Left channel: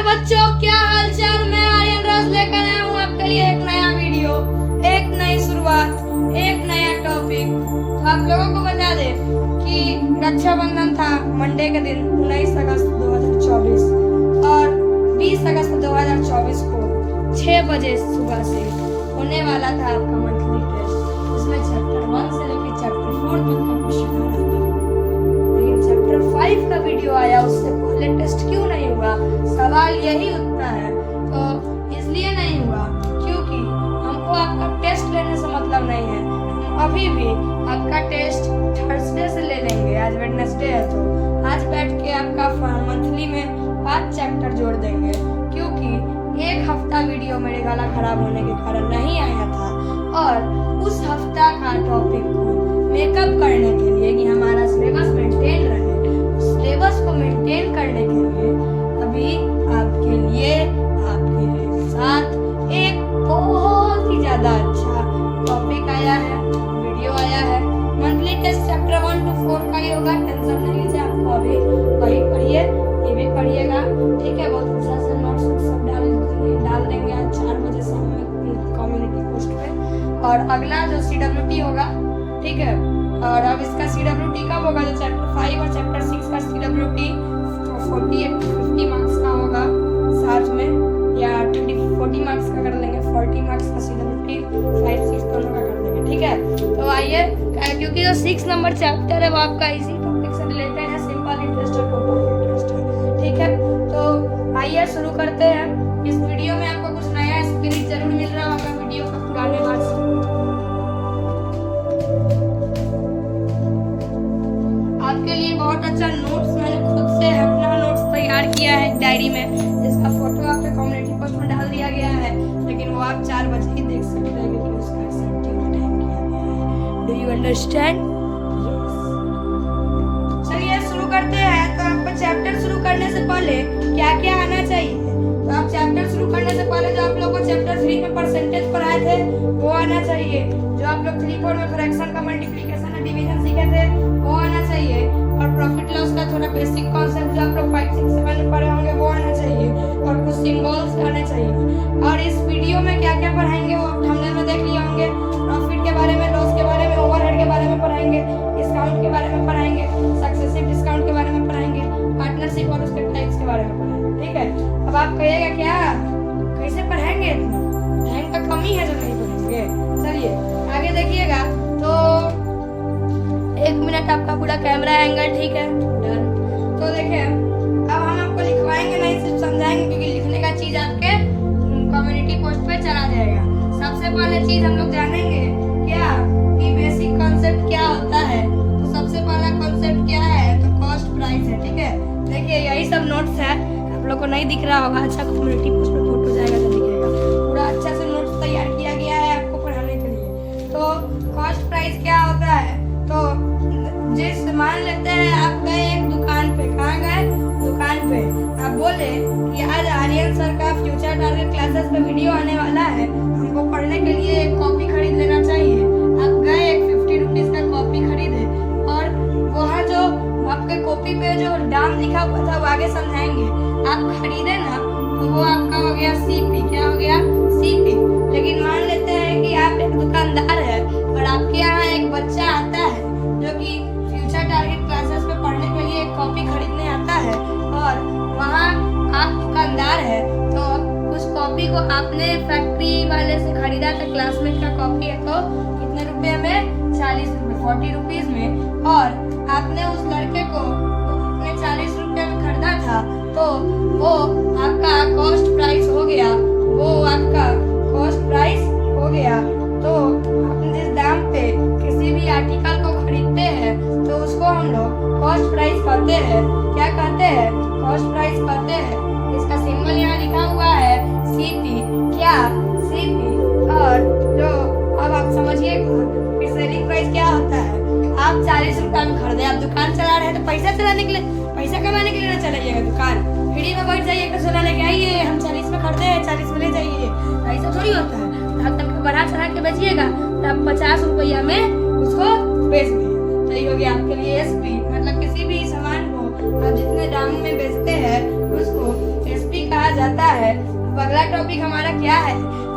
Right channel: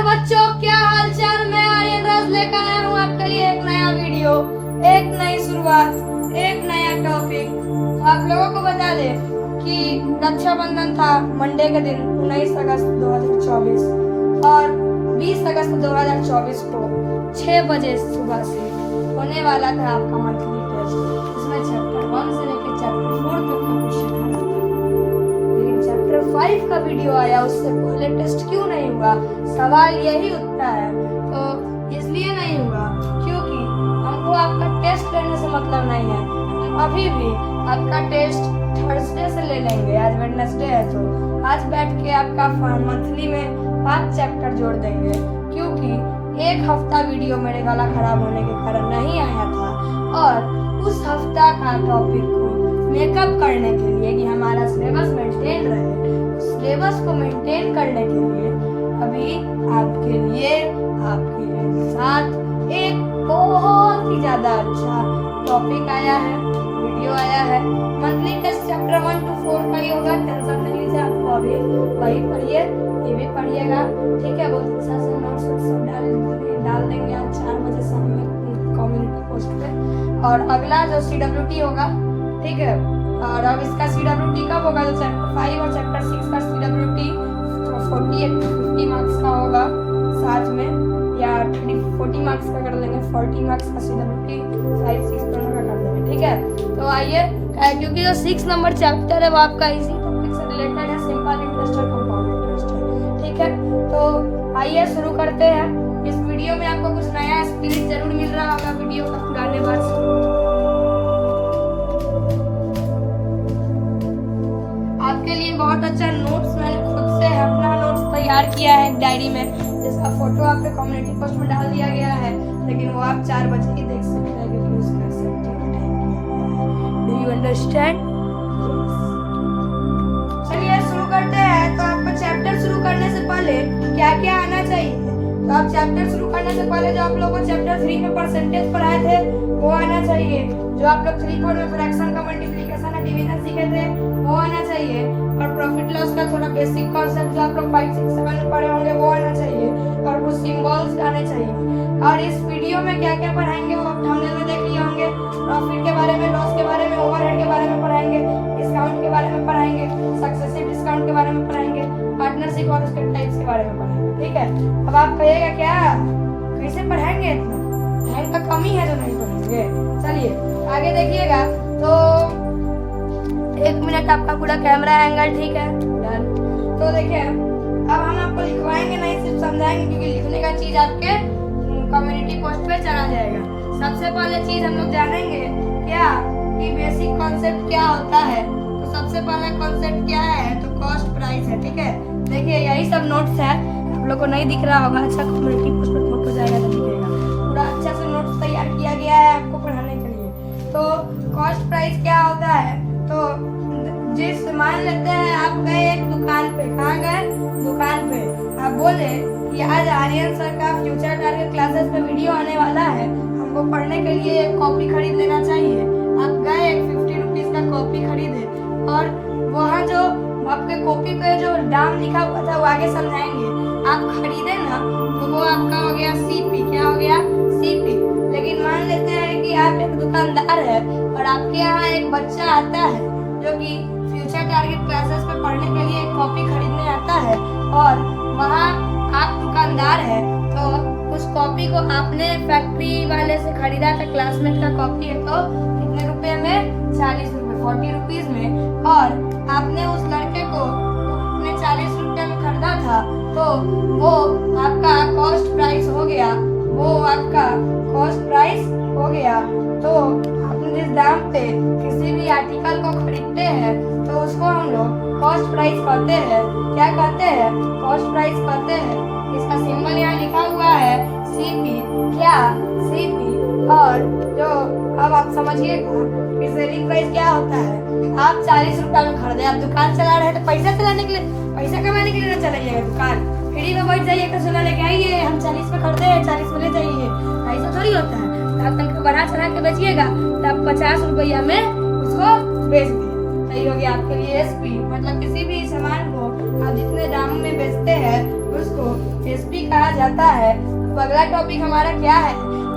नमस्कार बच्चों, क्या हाल चाल। मैं आर्यन राज लेकर आया हूँ आपके लिए एक नया वीडियो, एक नई शुरुआत, एक नया टॉपिक। तो आप लोगों को बता दें कि रक्षाबंधन था मंडे के दिन 19 अगस्त 2024 और 20 अगस्त 2024 को 6 बजे सुबह से होने वाला था आपका मंथली टेस्ट। इसमें चैप्टर 1 से लेकर चैप्टर 4 तक का क्वेश्चन आ रहा था, लेकिन चैप्टर 5 का वीडियो आया, उससे पहले टेस्ट क्यों नहीं हुआ? सवाल यही उठता है। तो इसलिए नहीं हुआ क्योंकि हमको आपका टेस्ट लेने से मतलब नहीं है। हम अभी भी आपका टेस्ट थर्सडे से ले लेंगे। आज वेडनेसडे है, तो आज बैठ के आपका मंथली में 5 चैप्टर जोड़ देंगे, क्योंकि एक हफ्ता वीडियो मेरे गला खराब होने के कारण नहीं आया था। और उस हफ्ता का टॉपिक को मेकअप करने के लिए कि हमारा सिलेबस मेंटेन रहे, सिलेबस को मेंटेन करने के लिए अभी आपके लिए आपके साथ एक बहुत ही ज्यादा अच्छा टॉपिक आया है, वीडियो आया है। मंथली टेस्ट चैप्टर 1 to 4 का ही होगा, टेंशन नहीं लीजिए। आपको अभी वही पढ़िए, ये भी पढ़िएगा, ठीक है। बहुत अच्छा से नोट्स सब डाल देंगे आज 4 बजे शाम में कम्युनिटी पोस्ट पे। और अगला जो CWT होगा, ठीक है। और अब इसका CWT कब होगा? जो चैप्टर 5 और चैप्टर 6 का CWT 50 मार्क्स का होगा साथ में, या 40 मार्क्स का कर लेंगे। 40 मार्क्स का CWT 5, 6 दोनों का कर देंगे, ठीक है। तो आइए, क्योंकि जो 6 नंबर चैप्टर है वो आपका इसी टॉपिक से रिलेटेड है, सिंपल इंटरेस्ट और कंपाउंड इंटरेस्ट है, ठीक है। तो आइए शुरू करते हैं। इस वीडियो में आपको कुछ नया स्पिरिट जरूर मिल रहा होगा वीडियो का पुराने बात से। आपके लिए बहुत अच्छा नोट्स मैंने खुद से अपना नोट्स तैयार किया है डायरी में, जिसका फोटो आपके कम्युनिटी पोस्ट में डाल दिया गया है, लेकिन वो आप 4 बजे ही देख सकते हैं क्योंकि उसका सब्जेक्ट टाइम किया गया है। Do you understand? चलिए शुरू करते हैं। तो आपका चैप्टर शुरू करने से पहले क्या क्या आना चाहिए? तो आप चैप्टर शुरू करने से पहले जो आप लोगों को चैप्टर 3 में परसेंटेज पढ़ाए थे वो आना चाहिए। जो आप लोग 3-4 में फ्रैक्शन का मल्टीप्लिकेशन और डिवीजन सीखे थे वो आना चाहिए। और प्रॉफिट लॉस का थोड़ा बेसिक कॉन्सेप्ट जो आप लोग 5, 6, 7 में पढ़े होंगे वो आना चाहिए। और कुछ सिंबल्स आने चाहिए। और इस वीडियो में क्या क्या पढ़ाएंगे वो थंबनेल में देख लिए होंगे। प्रॉफिट के बारे में, लॉस के बारे में, ओवरहेड के बारे में पढ़ाएंगे, डिस्काउंट के बारे में पढ़ाएंगे, सक्सेसिव डिस्काउंट के बारे में पढ़ाएंगे, पार्टनरशिप और उसके टाइप्स के बारे में पढ़ाएंगे, ठीक है। अब आप कहिएगा क्या कैसे पढ़ाएंगे? इतना टाइम का कमी है जो नहीं पढ़ेंगे। चलिए आगे देखिएगा। तो 1 मिनट आपका पूरा कैमरा एंगल, ठीक है, डन। तो देखिए, अब हम आपको लिखवाएंगे नहीं, सिर्फ समझाएंगे, क्योंकि लिखने का चीज आपके कम्युनिटी पोस्ट पे चला जाएगा। सबसे पहले चीज हम लोग जानेंगे क्या कि बेसिक कॉन्सेप्ट क्या होता है। तो सबसे पहला कॉन्सेप्ट क्या है? तो कॉस्ट प्राइस है, ठीक है। देखिए यही सब नोट्स है, आप लोग को नहीं दिख रहा होगा। अच्छा कम्युनिटी पोस्ट पे फोटो जाएगा तो दिखेगा। पूरा अच्छा से नोट्स तैयार किया गया है आपको पढ़ाने के लिए। तो कॉस्ट प्राइस क्या होता है? तो जिस मान लेते हैं आप गए एक दुकान पे, कहाँ गए? दुकान पे। आप बोले कि आज आर्यन सर का फ्यूचर टारगेट क्लासेस पे वीडियो आने वाला है, हमको पढ़ने के लिए एक कॉपी खरीद लेना चाहिए। आप गए एक 50 रुपीज का कॉपी खरीदे, और वहाँ जो आपके कॉपी पे जो दाम लिखा हुआ था वो आगे समझाएंगे। आप खरीदे ना, तो वो आपका हो गया CP। क्या हो गया? CP। लेकिन मान लेते हैं कि आप एक दुकानदार है और आपके यहाँ एक बच्चा आता है जो कि फ्यूचर टारगेट क्लासेस पे पढ़ने के लिए एक कॉपी खरीदने आता है, और वहाँ आप दुकानदार है, तो उस कॉपी को आपने फैक्ट्री वाले से खरीदा था, क्लासमेट का कॉपी है, तो कितने रुपए में? 40 रुपए, 40 रुपीज में। और आपने उस लड़के को अपने 40 रुपए में खरीदा था, तो वो आपका कॉस्ट प्राइस हो गया। वो आपका कॉस्ट प्राइस हो गया। तो आपने जिस दाम पे किसी भी आर्टिकल को खरीदते हैं तो उसको हम लोग कॉस्ट प्राइस कहते हैं। क्या कहते हैं? कॉस्ट प्राइस कहते हैं। इसका सिंबल यहाँ लिखा हुआ है CP। क्या? CP। और जो अब आप समझिए कि सेलिंग प्राइस क्या होता है। आप 40 रुपए में खरीदे, आप दुकान चला रहे हैं तो पैसा चलाने के लिए, पैसा कमाने के लिए ना चलाइएगा दुकान। फ्री में बैठ जाइए, सोना लेके आइए, हम 40 में खरीदे हैं, 40 में ले जाइए, ऐसा थोड़ी होता है। आप तक बढ़ा चढ़ा के बेचिएगा तो आप 50 रुपया में उसको बेच दिए, सही हो गया आपके लिए SP। मतलब किसी भी सामान को आप जितने दाम में बेचते हैं उसको SP कहा टॉपिक हमारा क्या है?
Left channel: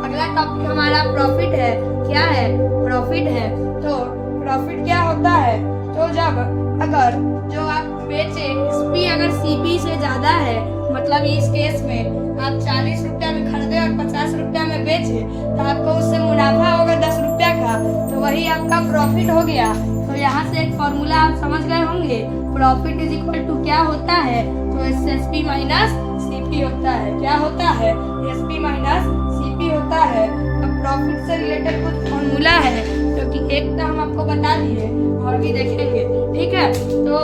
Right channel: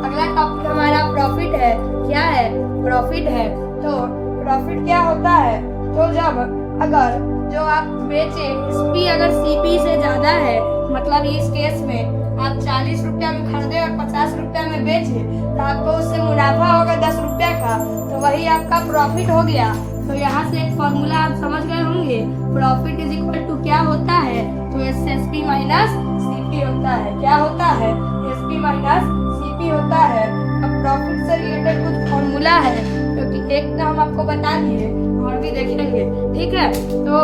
अगला टॉपिक हमारा प्रॉफिट है। क्या है? प्रॉफिट है। तो प्रॉफिट क्या होता है? तो जब अगर जो आप बेचे एसपी अगर सीपी से ज्यादा है, मतलब इस केस में आप 40 रुपया में खरीदे और 50 रुपया में बेचे, तो आपको उससे मुनाफा होगा 10 रुपया का, तो वही आपका प्रॉफिट हो गया। तो यहाँ से एक फॉर्मूला आप समझ गए होंगे, प्रॉफिट इज इक्वल टू क्या होता है? तो एसपी माइनस सीपी होता है। क्या होता है? एसपी माइनस सीपी होता है। अब प्रॉफिट से रिलेटेड कुछ फॉर्मूला है, जो कि एक तो हम आपको बता दिए और भी देखेंगे, ठीक है? तो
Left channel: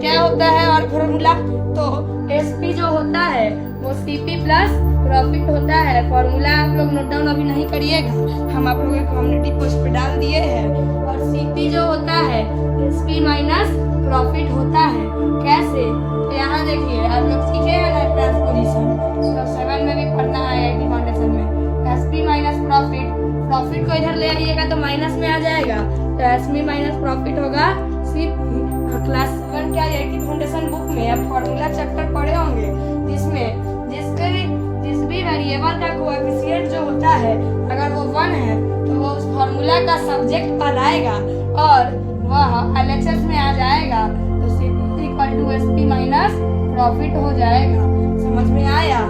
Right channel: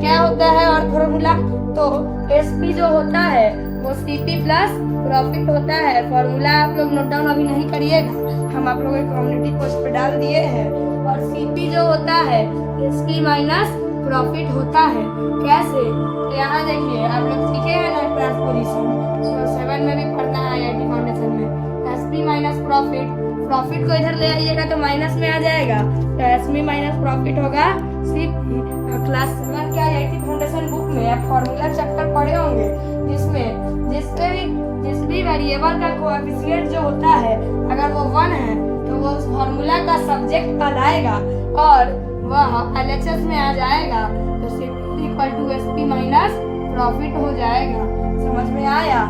क्या होता है और फॉर्मूला? तो एसपी जो होता है वो सीपी प्लस प्रॉफिट होता है। फॉर्मूला आप लोग नोट डाउन अभी नहीं करिएगा, हम आप लोगों के कम्युनिटी पोस्ट पे डाल दिए हैं। और सीपी जो होता है एसपी माइनस प्रॉफिट होता है। कैसे? तो यहाँ देखिए, आप लोग सीखे हैं ना ट्रांसपोजिशन, 7 में भी पढ़ना है आईआईटी फाउंडेशन में। एसपी माइनस प्रॉफिट, प्रॉफिट को इधर ले आइएगा तो माइनस में आ जाएगा, तो एसपी माइनस प्रॉफिट होगा सीपी। क्लास 7 के आईआईटी फाउंडेशन बुक में आप फॉर्मूला चैप्टर पढ़े होंगे, जिसमें जिस भी वेरिएबल का कोएफिशिएंट जो होता है अगर वो 1 है तो वो उस फॉर्मूला का सब्जेक्ट कहलाएगा और वह एलएचएस में आ जाएगा, तो CP equal to SP minus profit हो जाएगा। समझ में आया?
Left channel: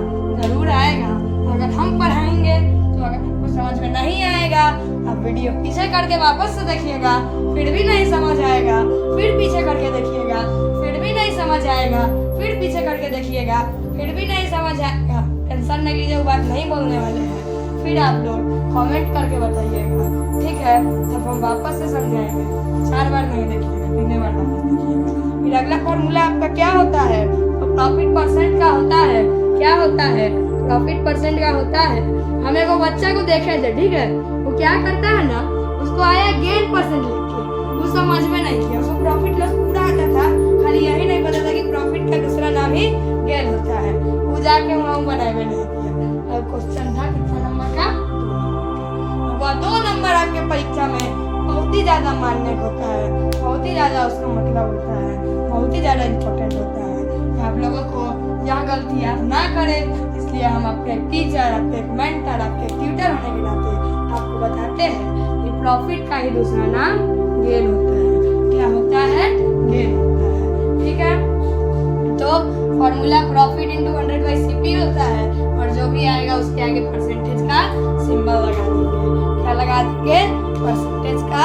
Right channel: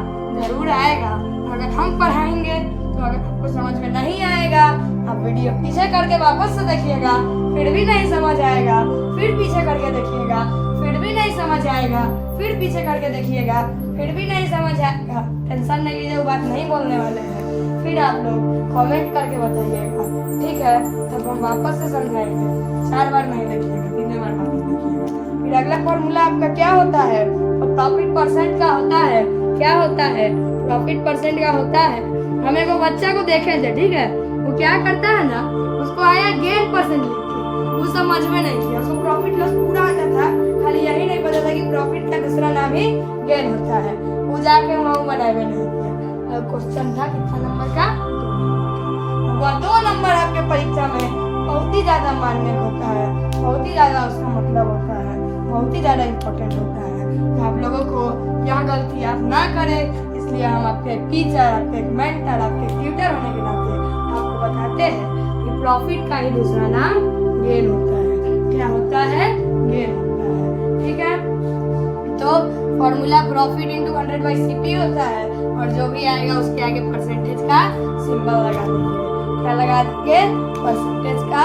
जरूर आएगा। अगर हम पढ़ाएंगे तो अगर आपको समझ में नहीं आएगा, आप वीडियो पीछे करके वापस से देखिएगा, फिर भी नहीं समझ आएगा, फिर पीछे करके देखिएगा, फिर भी नहीं समझ आएगा, फिर पीछे करके देखिएगा, फिर भी नहीं समझ आएगा। टेंशन नहीं लीजिए, वो बात नहीं बोलने वाले हैं, फिर आप लोग कमेंट करके बताइएगा, ठीक है? तब हम वापस से समझाएंगे। 4 बार नहीं देखिएगा, 3 बार वापस देखिएगा। फिर अगला फॉर्मूला आपका क्या होता है? तो प्रॉफिट परसेंट का होता है। क्या होता है? प्रॉफिट परसेंट का होता है। हम एक बच्चा को देखे थे, ठीक है? वो क्या करता है ना, उसको आया गेन परसेंट लिख के, वो समझ में नहीं किया, उसको प्रॉफिट लॉस पूरा आता था, खाली यही नहीं पता था कि प्रॉफिट का दूसरा नाम ही गेन होता है। वो जाके वहाँ बनाए बने और क्वेश्चन था कितना नंबर का? वो 2 नंबर आपके परीक्षा में बहुत ही ज्यादा मान्य होता है, बहुत ही ज्यादा उसका मतलब होता है, बहुत ही ज्यादा इम्पोर्टेंट होता है। आप लोगों को यह गलती आप ना करें, इसलिए हम आपके टीचर, आपके एक मेंटर, आपके ट्यूटर होने के नाते आपको बताते हैं कि प्रॉफिट का ही दूसरा नाम गेन होता है। क्या होता है? गेन होता है, ठीक है? तो फॉर्मूला प्रॉफिट इंटू 100/CP होता है, और जो भी आएगा उसके आगे परसेंटेज का सिंबल लगा देंगे। क्या लगा देंगे? परसेंटेज का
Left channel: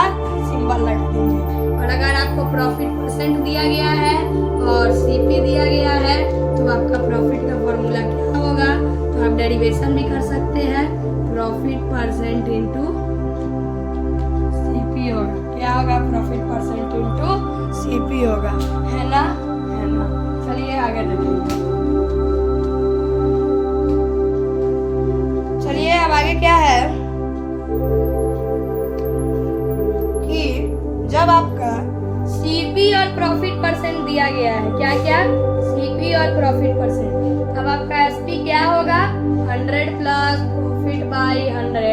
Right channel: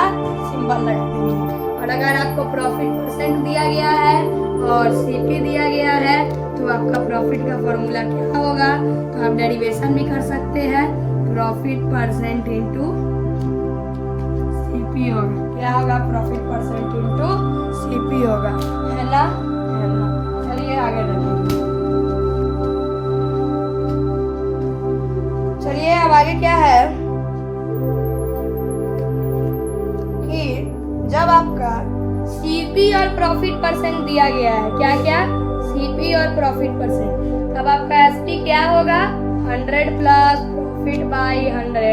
सिंबल लगा देंगे। और अगर आपको प्रॉफिट परसेंट दिया गया है और सीपी दिया गया है, तो आपका प्रॉफिट का फॉर्मूला क्या होगा? तो आप डेरिवेशन भी कर सकते हैं, प्रॉफिट परसेंट इंटू सीपी होगा। क्या होगा? प्रॉफिट परसेंट इंटू सीपी होगा, है ना? है ना? चलिए आगे बढ़ते। चलिए अब आगे क्या है कि जब आपका सीपी और प्रॉफिट परसेंट दिया गया है, क्या क्या? सीपी और प्रॉफिट परसेंट, अब आपका एसपी क्या होगा? 100 plus profit by 100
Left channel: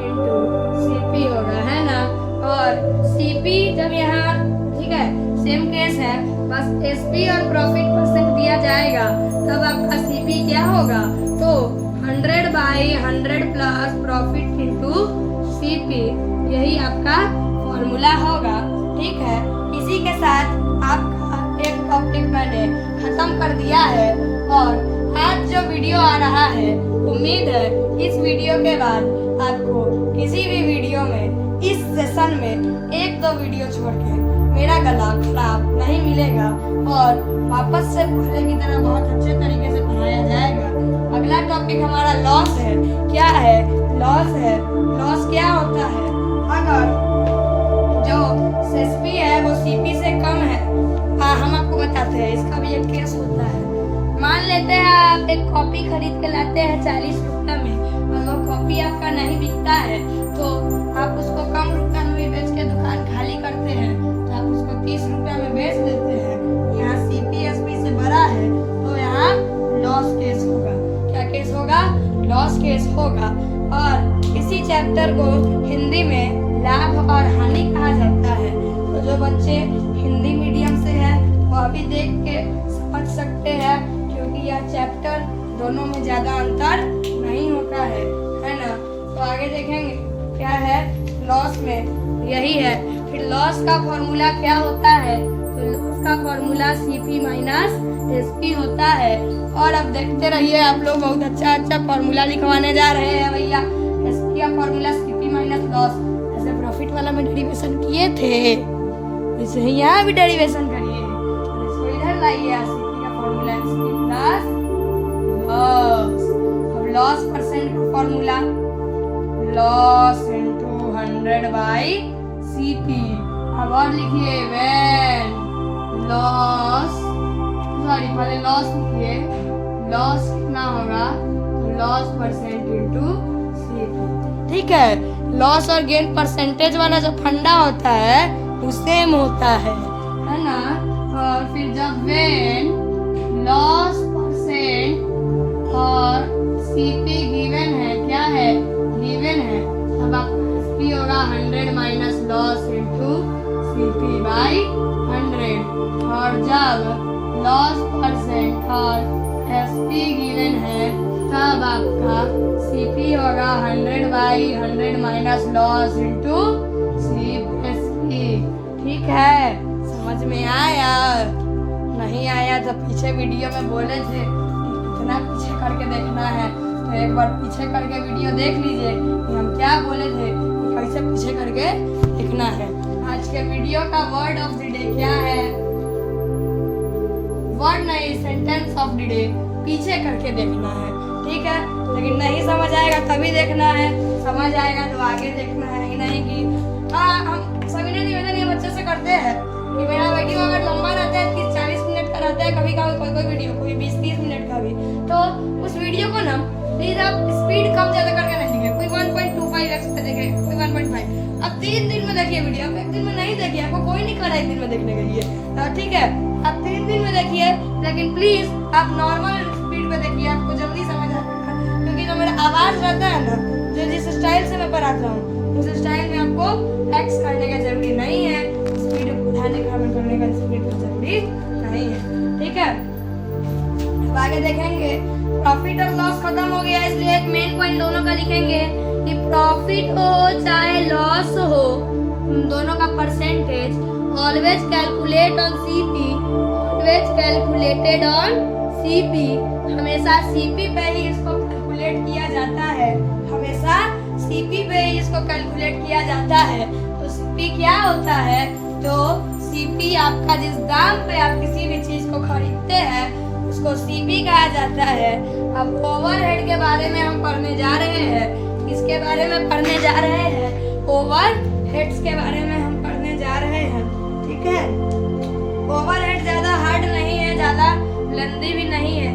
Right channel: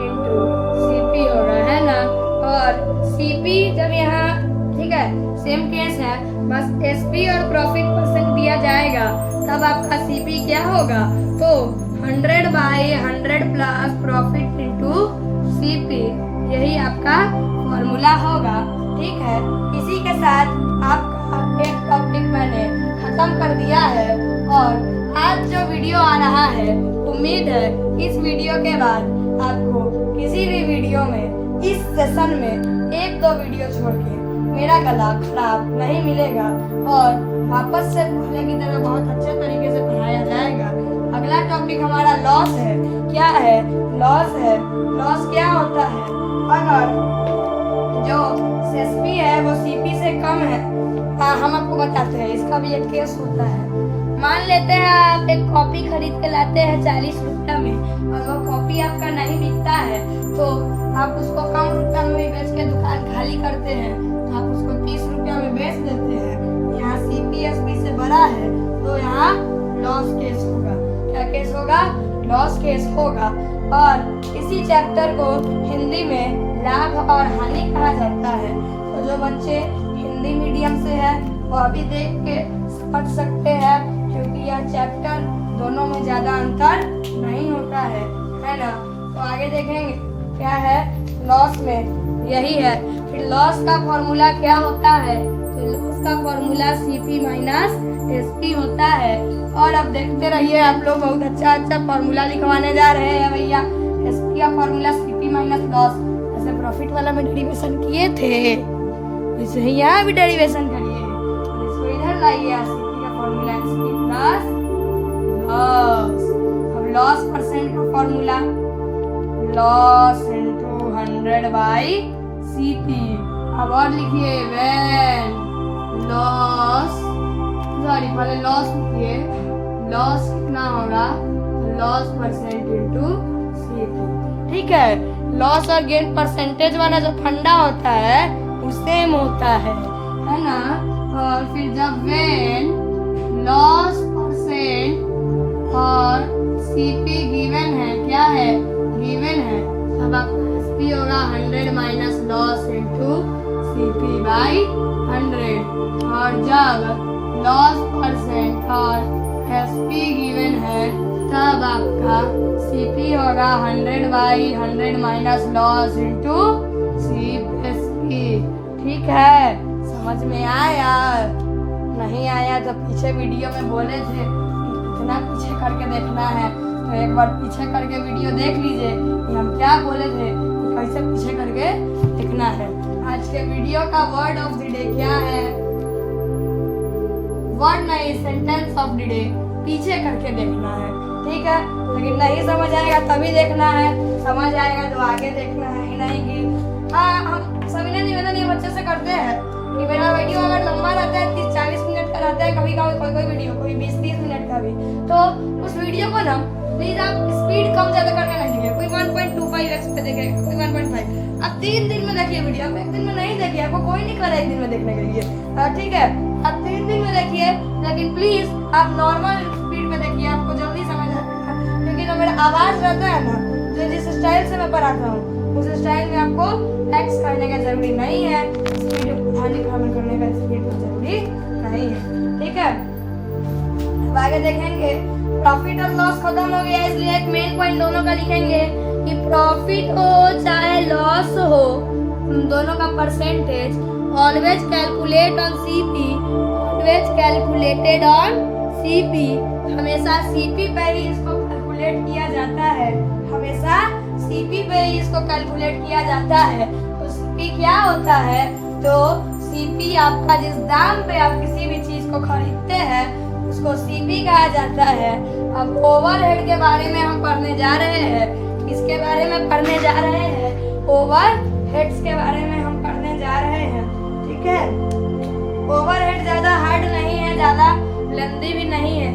into CP होगा, है ना? और सीपी जब यहाँ, ठीक है, सेम केस है, बस एसपी और प्रॉफिट परसेंट दिया जाएगा, तब आपका सीपी क्या होगा? तो 100/100 प्लस प्रॉफिट इंटू सीपी, यही आपका फॉर्मूला होगा, ठीक है? इसी के साथ आपका एक टॉपिक मैंने खत्म कर दिया है, और आज जो वीडियो आ रहा है, उम्मीद है इस वीडियो के बाद आपको किसी भी वीडियो में, इस सेशन में 1-2 वीडियो छोड़ के मेरा गला खराब नहीं मिलेगा, और वापस से पहले की तरह बहुत अच्छे तरीके से पढ़ाया जाएगा। अगला टॉपिक हमारा लॉस है। क्या है? लॉस है। लॉस क्या होता है? अगर जो एसपी है वो सीपी से कम है, हम आपको बताते हैं, इसका भी एक केस होता है। मान लेते हैं आप एक कॉपी खरीद के लाते हैं 40 रुपया में, और वो कॉपी आपका नहीं बिकता है, तो आप उसको कम रुपया में भी बेच के दुकान खाली करते हैं, तो आप उसको 30 रुपया में बेच देते हैं। यहाँ सीपी एसपी से बड़ा है, तो यहाँ लॉस केस होगा। क्या केस होगा? लॉस केस होगा। और इसी चैप्टर को हिंदी में लाभ और हानि कहा जाता है। तो जो बच्चे हिंदी मीडियम से है वो अभी देख के समझ सकते हैं, क्योंकि यह चैप्टर दोनों में ज्यादा अंतर नहीं होता आगे देखेंगे क्या है लॉस में, यही है। फिर लॉस का फॉर्मूला क्या होता है, तो लॉस का फॉर्मूला सीपी माइनस एसपी होता है। और अब देखते रहिए, आप लोग बहुत अच्छा अच्छा फॉर्मूला लिखवाने जा रहे हैं भैया। एसपी का फॉर्मूला सीपी माइनस लॉस, ऐसे प्रॉफिट वाला में डेरिवेशन किए थे, इसे यहाँ भी डेरिवेशन करिए, इसको इधर लाइए। सीपी का फॉर्मूला एसपी प्लस लॉस। अब लॉस परसेंट का formula loss into 100 by CP. अब और लिखिए व्हेन लॉस, सॉरी पहले लॉस लिखिए, लॉस कितना होगा, लॉस परसेंट इनटू सीपी। ठीक है, लॉस और गेन परसेंटेज वाला जो फंडा होता है वो सेम होता है ना। और फिर जब व्हेन लॉस परसेंट और सीपी गिवन है, क्या है गिवन है, अब आपका एसपी होगा 100 minus loss into CP by 100। और जब लॉस परसेंट और एसपी गिवन है तब आपका सीपी होगा 100 by 100 minus loss into CP. ठीक है, समझ में आया? नहीं आया तो पीछे वीडियो में बोले थे इतना पीछे करके देखना है, तो एक बार पीछे करके वीडियो देख लीजिए कि हम क्या बोले थे, कैसे पीछे करके लिखना है। आज के वीडियो का वर्ड ऑफ द डे क्या है, वर्ड नहीं सेंटेंस ऑफ द डे पीछे करके देखना है। ठीक है, लेकिन नहीं समझ आएगा तभी देखना है, समझ आएगा तो आगे देखना है। नहीं कि हम सभी ने निवेदन ये बच्चे से करते हैं कि मेरा वीडियो अगर लंबा रहता है 30-40 मिनट का रहता है, कभी कभी कोई वीडियो कोई 20-30 मिनट का भी, तो उस वीडियो को ना प्लीज आप स्पीड कम ज्यादा करके नहीं देखिए, कोई 1.25x पे देखे, कोई 1.5। आप 3 दिन में देखिए वीडियो, आप 1 दिन में नहीं देखिए, आपको कोई नहीं करे 1 दिन में देखने के लिए। ठीक है, आप 3 दिन में देखिए, लेकिन प्लीज आप नॉर्मल स्पीड में देखिए, आपको जल्दी समझ आएगा। क्योंकि जो मेरा आवाज रहता है ना, जो जिस स्टाइल से मैं पढ़ाता हूँ उस स्टाइल में आपको एक्स करने का जरूरी नहीं है, स्पीड बढ़ाने का करने का स्पीड जरूरी नहीं है। ठीक है, अब आगे देखेंगे प्रॉफिट और लॉस खत्म हो गया, इसलिए एक मेन पॉइंट दोनों का लिखेंगे कि प्रॉफिट हो चाहे लॉस हो, दोनों का percentage always calculate on CP, always calculated on CP. हमेशा सीपी पे ही इसको कैलकुलेट किया जाता है, हमेशा सीपी पे ही इसको कैलकुलेट किया जाता है। तो सीपी क्या होता है, तो सीपी आपका जिस दाम पे आप किसी भी चीज को खरीदते हैं उसको सीपी कहा जाता है। अब ओवरहेड के बारे में हम पढ़ने जा रहे हैं, इसके बारे में पढ़ने जा रहे हैं, ओवरहेड्स के बारे में हम पढ़ने जा रहे हैं। ठीक है, ओवरहेड ज्यादा हार्ड नहीं है, ज्यादा लंबी भी नहीं है।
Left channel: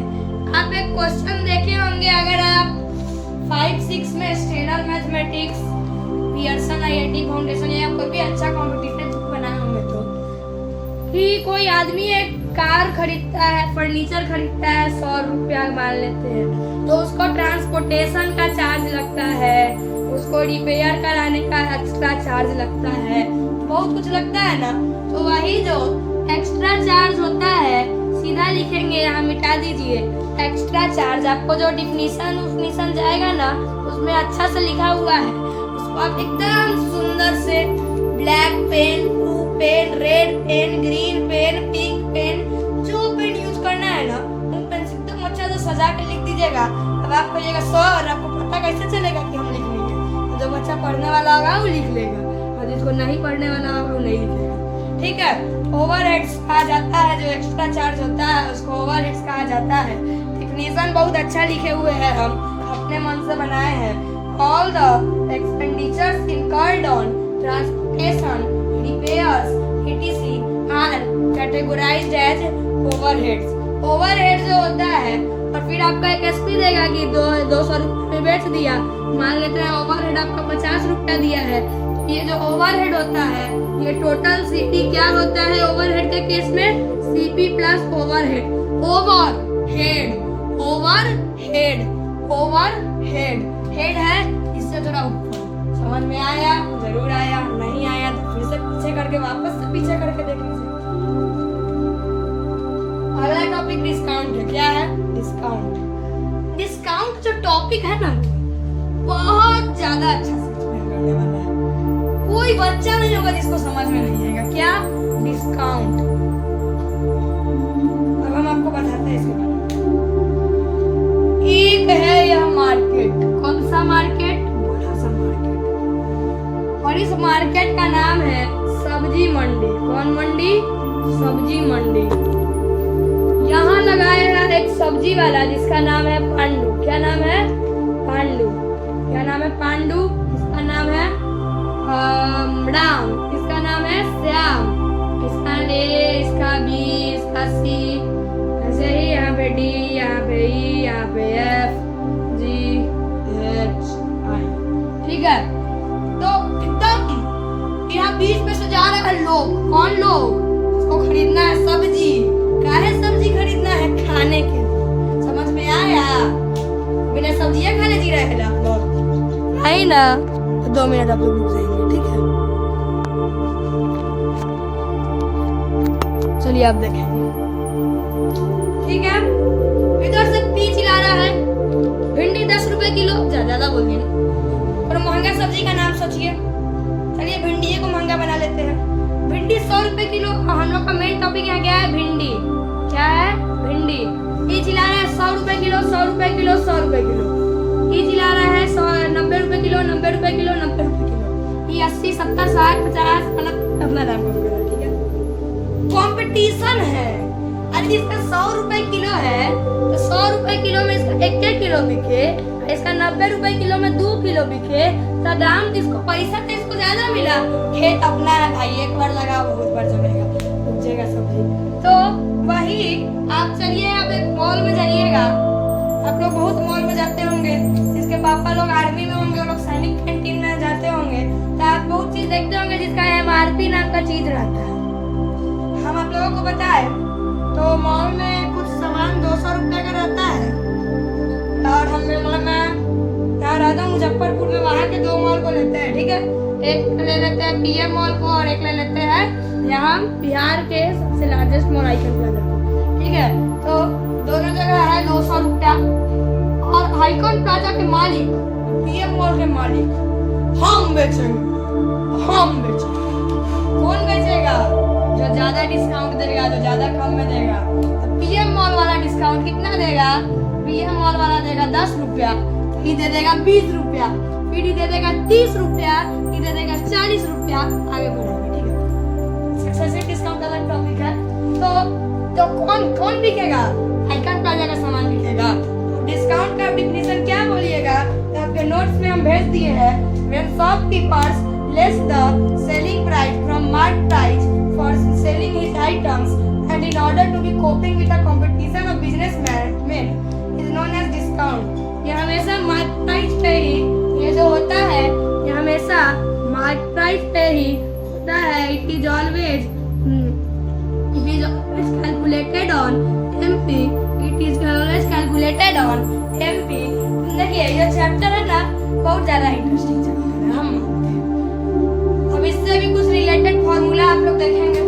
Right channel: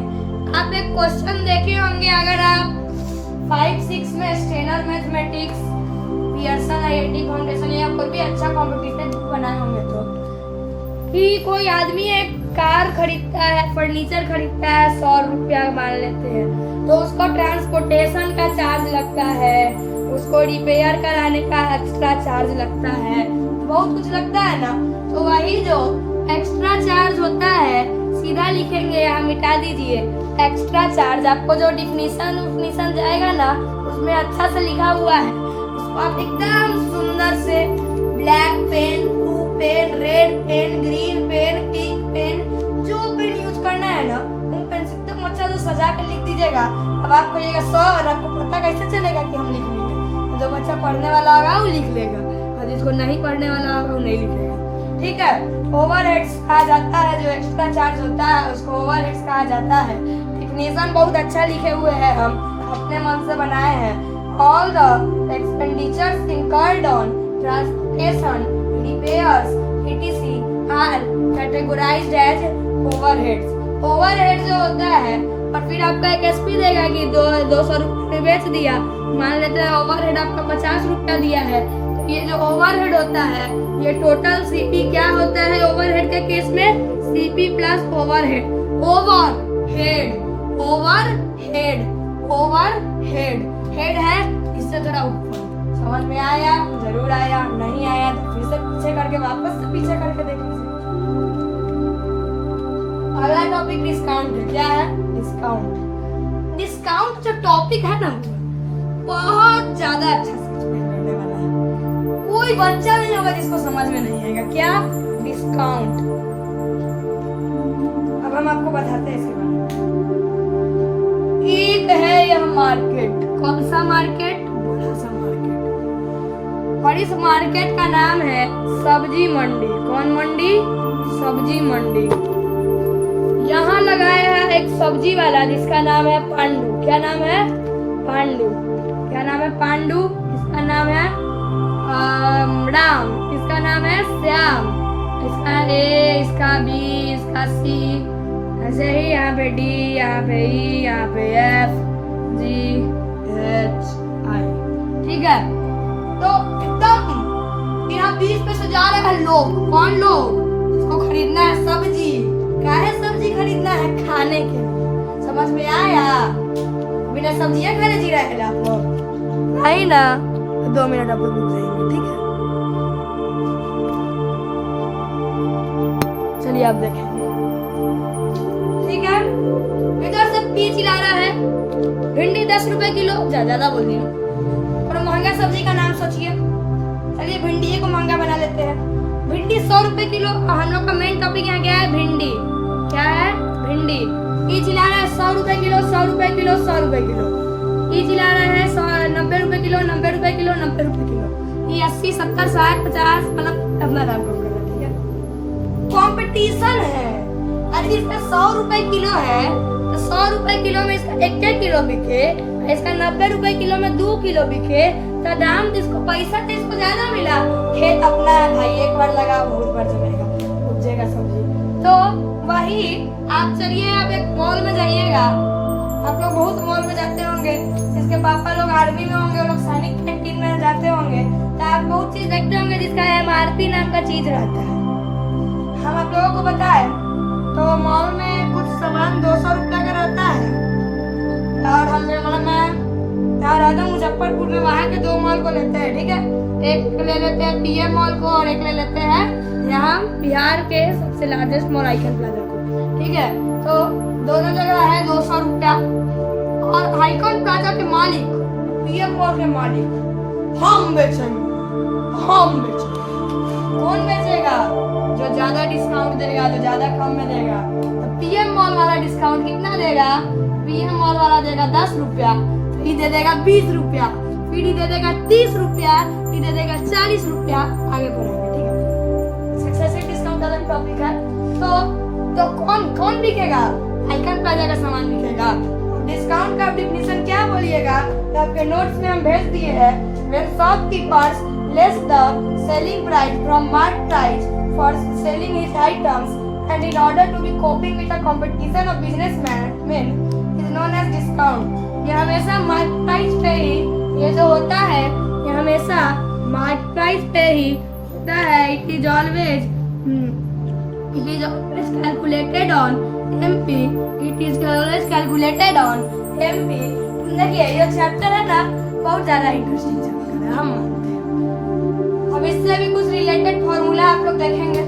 आप एक क्वेश्चन देखे होंगे अगर आप 5-6 में स्टेनर मैथमेटिक्स, पियर्सन आईआईटी फाउंडेशन या कोई भी अच्छा कॉम्पिटिटिव बुक बनाए होंगे तो, कि कोई आदमी एक कार खरीदता है, फर्नीचर खरीदता है, 100 रुपया मान लेते हैं, तो उसको ट्रांसपोर्टेशन का चार्ज लगता है, उसको रिपेयर कराने का एक्स्ट्रा चार्ज लगता है, बहुत कुछ लगता है ना। तो वही जो एक्स्ट्रा चार्ज होता है सीधा लिखेंगे, यहाँ मिटा दीजिए एक्स्ट्रा चार्ज। आपको जो डिफिनीशन जाएगा ना उसमें अच्छा से लिखा हुआ है, उसको आप एकदम सुंदर से black pen, blue pen, red pen, green pen, pink pen, जो पेन यूज करना है ना उन पेन से एकदम अच्छा से सजा के लिख दीजिएगा। अब आप कहिएगा 100 और आपको पता कैसे चलेगा कि हम लिख लेंगे, जो बच्चा पढ़ने वाला होगा वो लिख लेगा और जिसको नहीं पढ़ने वाला होगा वो नहीं लिखेगा। ठीक है, ओवरहेड्स कहा जाता है, जो एक्स्ट्रा चार्ज होता है उसको ओवरहेड्स कहा जाता है। डिफिनीशन बहुत अच्छा लिखे हुए हैं, हम अपने मन से बनाए हैं। All the expenditures incurred on transportation, repairs, etc. are categorized as overheads. Overhead जो होता है, और फिर आपका एक एसपी देगा कि 200 रुपये में बेच दिया, मान लेते हैं ओवरहेड आपका 50 रुपया दिया है, तो ये जो ओवरहेड होता है ये टोटल सीपी क्या होता है ओवरहेड के केस में, CP plus overhead. Overhead, overhead, overhead, head है इससे थोड़ा ऊपर। समझ में आया? जरूर आया, नहीं आया तो फिर से पीछे करके वापस से पीछे करके देख लीजिए। अगला टॉपिक डिस्काउंट है। क्या है? डिस्काउंट। डिस्काउंट जो टॉपिक है ना बहुत ज्यादा अच्छा सब्जी मिलने वाला है। कोई बच्चा नहीं होगा जिसको समझ में नहीं आएगा। क्या? डिस्काउंट। अब हम आपको बताते हैं इसके बारे में। एक है यह मार्केट। कौन सा मार्केट? बड़ा सा मार्केट। और इस मार्केट का नाम है सब्जी मंडी। कौन मंडी? सब्जी मंडी। यहाँ लगाया है एक सब्जी वाला जिसका नाम है पांडू। क्या नाम है? पांडू। क्या नाम है? पांडू। इसका नाम है राम। इसका नाम है श्याम। इसका ए, इसका बी, इसका सी, ऐसे ही यहाँ पे डी, यहाँ पे ई, यहाँ पे एफ, जी, एच, आई। ठीक है, तो एकदम यहाँ 20 पे से जा रहे हैं लोग। कौन लोग? जिसको खरीदना है सब्जी। काहे सब्जी खरीदना है? खाने के लिए। समझ में आया? बिना सब्जियां खाने जी रहे हैं आप लोग? नहीं ना? 2 मिनट आप लोग रुक जाएंगे, ठीक है? चलिए आप देखेंगे, ठीक है? इधर से पी चिल्ला रहा है। भिंडी 10 रुपए किलो। ज्यादा बोल दी। और महंगा सब्जी का नाम सोचिए। चलिए भिंडी को महंगा बना लेते हैं। भिंडी 100 रुपए किलो। हम लोग का मेन टॉपिक यहाँ क्या है? भिंडी। क्या है? भिंडी। ई चिल्ला रहा है 100 रुपए किलो, 100 रुपए किलो, 100 रुपए किलो। ई चिल्ला रहा है 90 रुपए किलो, 90 रुपए किलो, 90 रुपए किलो। ये 80, 70, 60, 50 मतलब अपना दाम का होगा, ठीक है? कंपटीशन है। अरे इसका 100 रुपए किलो है तो 100 रुपए किलो में इसका 1 किलो बिके, इसका 90 रुपए किलो में 2 किलो बिके, तो दाम जिसको पैसा तो इसको ज्यादा मिला। खेत अपना है भाई, एक बार लगा बहुत बार जमेगा, उपजेगा सब्जी। तो वही आप चलिए, आप एक मॉल में जाइएगा। आप लोग बहुत मॉल में जाते होंगे, जिसके पापा लोग आर्मी में होंगे, लोग सैनिक कैंटीन में जाते होंगे, तो आप बहुत चीज देखते होंगे जिसका MRP नाम का चीज रहता है। हम आप लोगों को बताए तो मॉल में कुछ सामान 200 रुपए का रहता है। और हम मतलब मैं यहाँ रहता हूँ मुजफ्फरपुर में, वहाँ के 2 मॉल को लेते हैं, ठीक है? एक ले लेते हैं PM मॉल को और एक ले लेते हैं यहाँ बिहार के सबसे लार्जेस्ट मॉल आइकन प्लाजा को, ठीक है? तो दोनों जगह है 200 रुपया। और आइकन प्लाजा के मालिक, PM मॉल के मालिक हम बेचेंगे, हम बेचेंगे। कौन बेचेगा? जो ज्यादा डिस्काउंट देगा, जो ज्यादा कम में देगा। तो PM मॉल वाला डिस्काउंट कितना देगा? PM मॉल वाला देगा 10 रुपया, ये दे देगा 20 रुपया, फिर ये दे देगा 30 रुपया, ये दे देगा 40 रुपया। आगे बढ़ेगा, ठीक है? सक्सेसिव डिस्काउंट का टॉपिक है। तो कौन कौन बिकेगा? आइकन प्लाजा का सामान बिकेगा। डिस्काउंट का डिफिनेशन क्या बोलिएगा? तो आपके नोट्स में हम भेज दिए हैं। When shopkeepers less the selling price from market price for selling his items and in order to be coping with the competition of businessmen is known as discount। ये हमेशा मार्केट प्राइस पे ही ये जो होता है, ये हमेशा मार्केट प्राइस पे ही होता है। It is always calculated on MP। It is always calculated on MP। देखिए ये चैप्टर है ना, बहुत ज्यादा इंटरेस्टिंग है। हम अब इससे भी कुछ रिलेटेड फॉर्मूला आप लोग देखेंगे।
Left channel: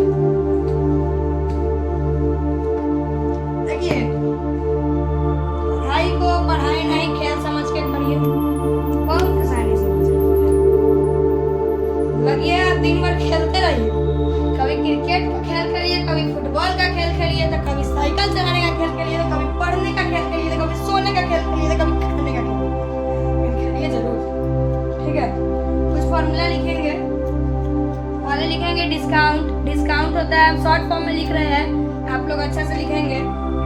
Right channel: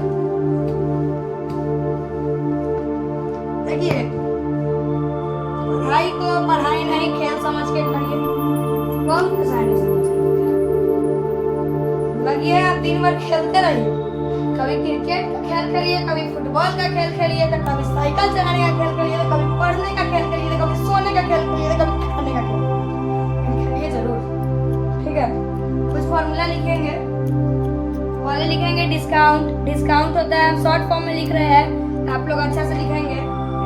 देखिए पढ़ाई को पढ़ाई नहीं, खेल समझ के करिए। बहुत आसानी से लगिए, आप दिन भर खेलते रहिए। कभी क्रिकेट का खेल करिए, कभी फुटबॉल का खेल खेलिए, तो कभी साइकिल चलाने का खेल खेलिए, तो कभी पढ़ने का खेल खेलिए, तो कभी सोने का खेल खेलिए, तो कभी खाने का खेल खेलिए जरूर, ठीक है? कुछ फॉर्मूला लिखेंगे। वाले लिखेंगे डिस्काउंट। डिस्काउंट होता है, हम शॉर्ट फॉर्म में लिख रहे हैं, आप लोग अच्छा से लिखेंगे।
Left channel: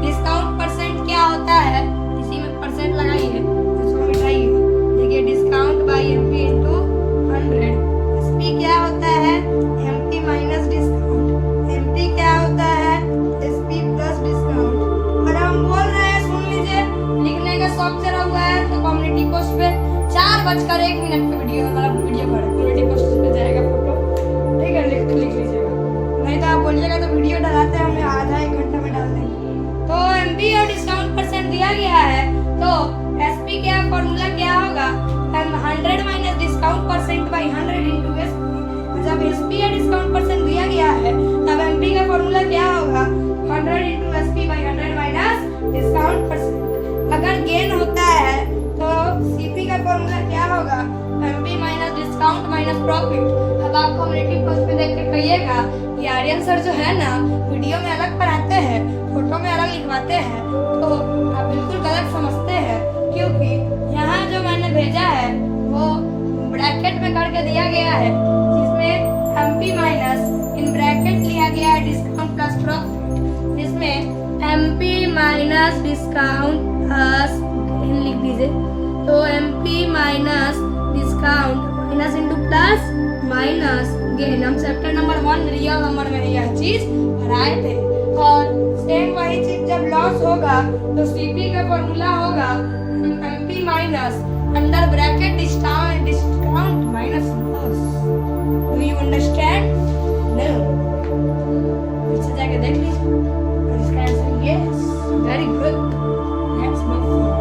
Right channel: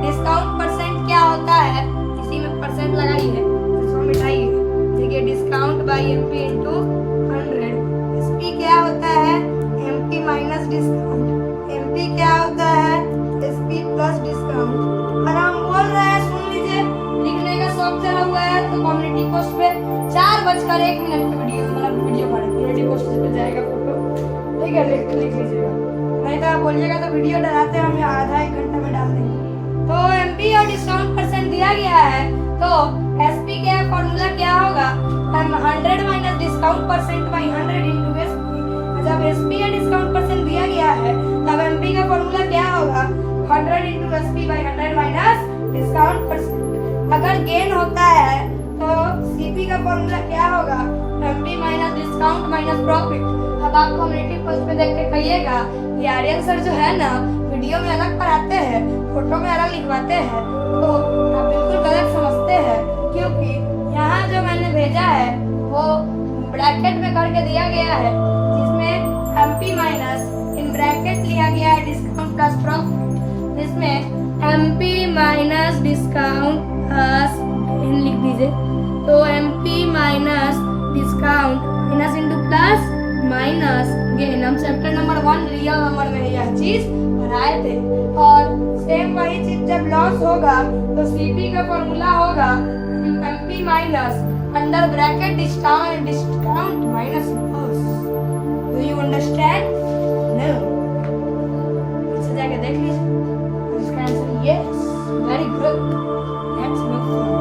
डिस्काउंट परसेंट क्या होता है? इसी में परसेंट लगाइए, इसको मिटाइए। देखिए discount by MP into 100। SP क्या होता है? MP minus discount. MP क्या होता है? SP plus discount. और हम बोल रहे हैं, सुन लीजिए, लिखने का शौक चला हुआ है तो कम्युनिटी पोस्ट पे 4:01 पे वीडियो कम्युनिटी पोस्ट पे जाएगा फोटो, ठीक है? लिख लीजिएगा, नहीं तो आप बोलिएगा तो वीडियो डलाते हैं, हमें आधा 1 घंटे में डाल देंगे। तो MP और डिस्काउंट परसेंट दिया गया है, तो SP का फॉर्मूला क्या होगा? 100 minus discount percent by 100 into SP। जब SP या डिस्काउंट परसेंट दिया गया है, तब MP का फॉर्मूला क्या होगा? 100 into SP by 100 minus discount percent. अगर गेन होता है तो CP का फॉर्मूला क्या प्रॉफिट। अब आप कम्युनिटी पोस्ट पे देख के कहिएगा कि आर्यन सर जो है ना वीडियो में अलग पढ़ाते हैं, फोटो में अलग लिखवाते हैं, तो आप बिल्कुल गलत समझते हैं, क्योंकि यहाँ जो मैंने भेजा है वो ब्रैकेट में करके दिया गया है, जिसमें MP माइनस इन ब्रैकेट लिया गया है डिस्काउंट प्लस प्रॉफिट, जिसमें MP माइनस डिस्काउंट प्लस लिख दीजिए, तो MP minus discount minus into plus minus gain. हम चैप्टर नंबर 1 रियल नंबर में यह चीज पढ़ाए थे। और सेम वही चीज जब लॉस होगा तो CP का फॉर्मूला होगा MP minus under bracket discount minus loss. Do you understand? No. अच्छा जाके देख लीजिए। इसका answer yes, very good, let's move forward.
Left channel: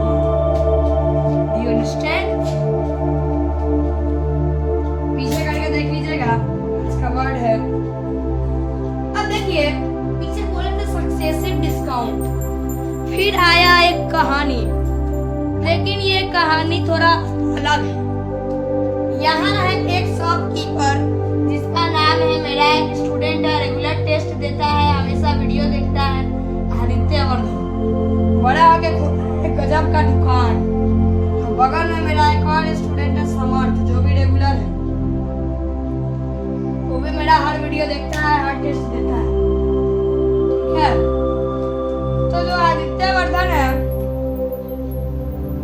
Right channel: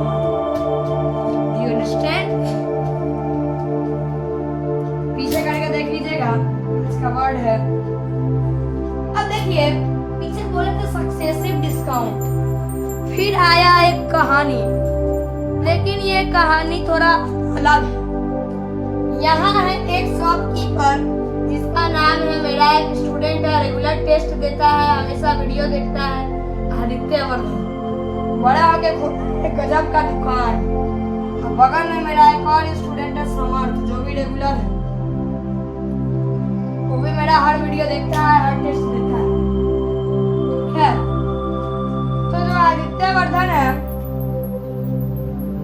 Do you understand? पीछे करके देख लीजिएगा, इसका वर्ड है। अब देखिए पीछे बोले थे सक्सेसिव डिस्काउंट, फिर आया एक कहानी, लेकिन ये कहानी थोड़ा अलग है। यहाँ है एक शॉपकीपर जिसका नाम है, मेरा एक स्टूडेंट है, रेगुलर टेस्ट देता है, हमेशा वीडियो देखता है, आदित्य वर्धन। बड़ा होके एक गजब का दुकान। और बगल में मेरा एक और स्टूडेंट है समर्थ, जो भी रेगुलर है, वो भी मेरा हर वीडियो देखता है, हर टेस्ट देता है, ठीक है। तो जो आदित्य वर्धन है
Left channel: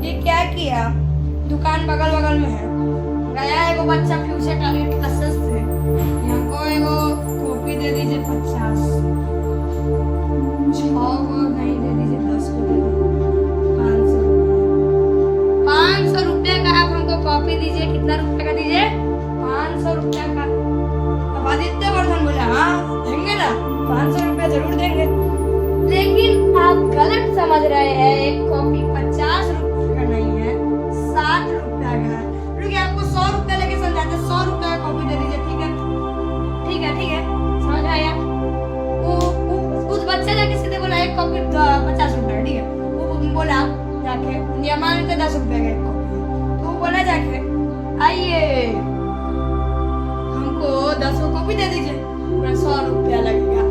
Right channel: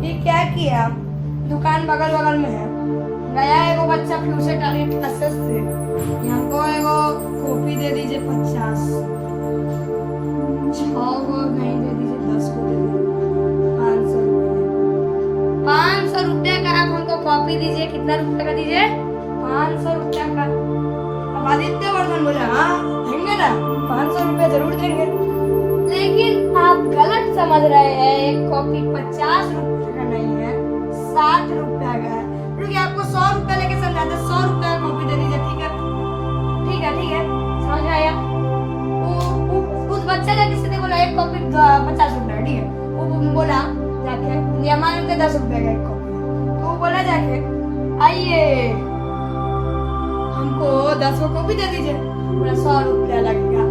ये क्या किया, दुकान बगल बगल में है, गया एगो बच्चा फ्यूचर टैलेंट क्लासेस से, यहाँ को एगो कॉपी दे दीजिए 50, 6 को नहीं दे दीजिए, 10 को दे दीजिए, 500 रुपये का आप हमको कॉपी दीजिए। कितना रुपए का दीजिए? 500 रुपये का। अब आदित्य वर्धन बोला हाँ देंगे ना, 500 रुपये जरूर देंगे। लेकिन आप गलत समझ रहे हैं, एक कॉपी 50 रुपये का नहीं है, 60 रुपये का है। क्योंकि आपको 100 रुपये लेके समझाते, 100 रुपये का कॉपी दे दीजिए, ठीक है, ठीक है, ठीक है, समझ आया। उस बच्चा जाके सीधे बोला एक कॉपी 50 रुपये का, ठीक है। वो बोला जाके, ये मानते 10 रुपये का एक कॉपी है, तो वो बोला जाके आइए हमको 10 कॉपी दे दीजिए, पूरा 100 रुपया लगेगा।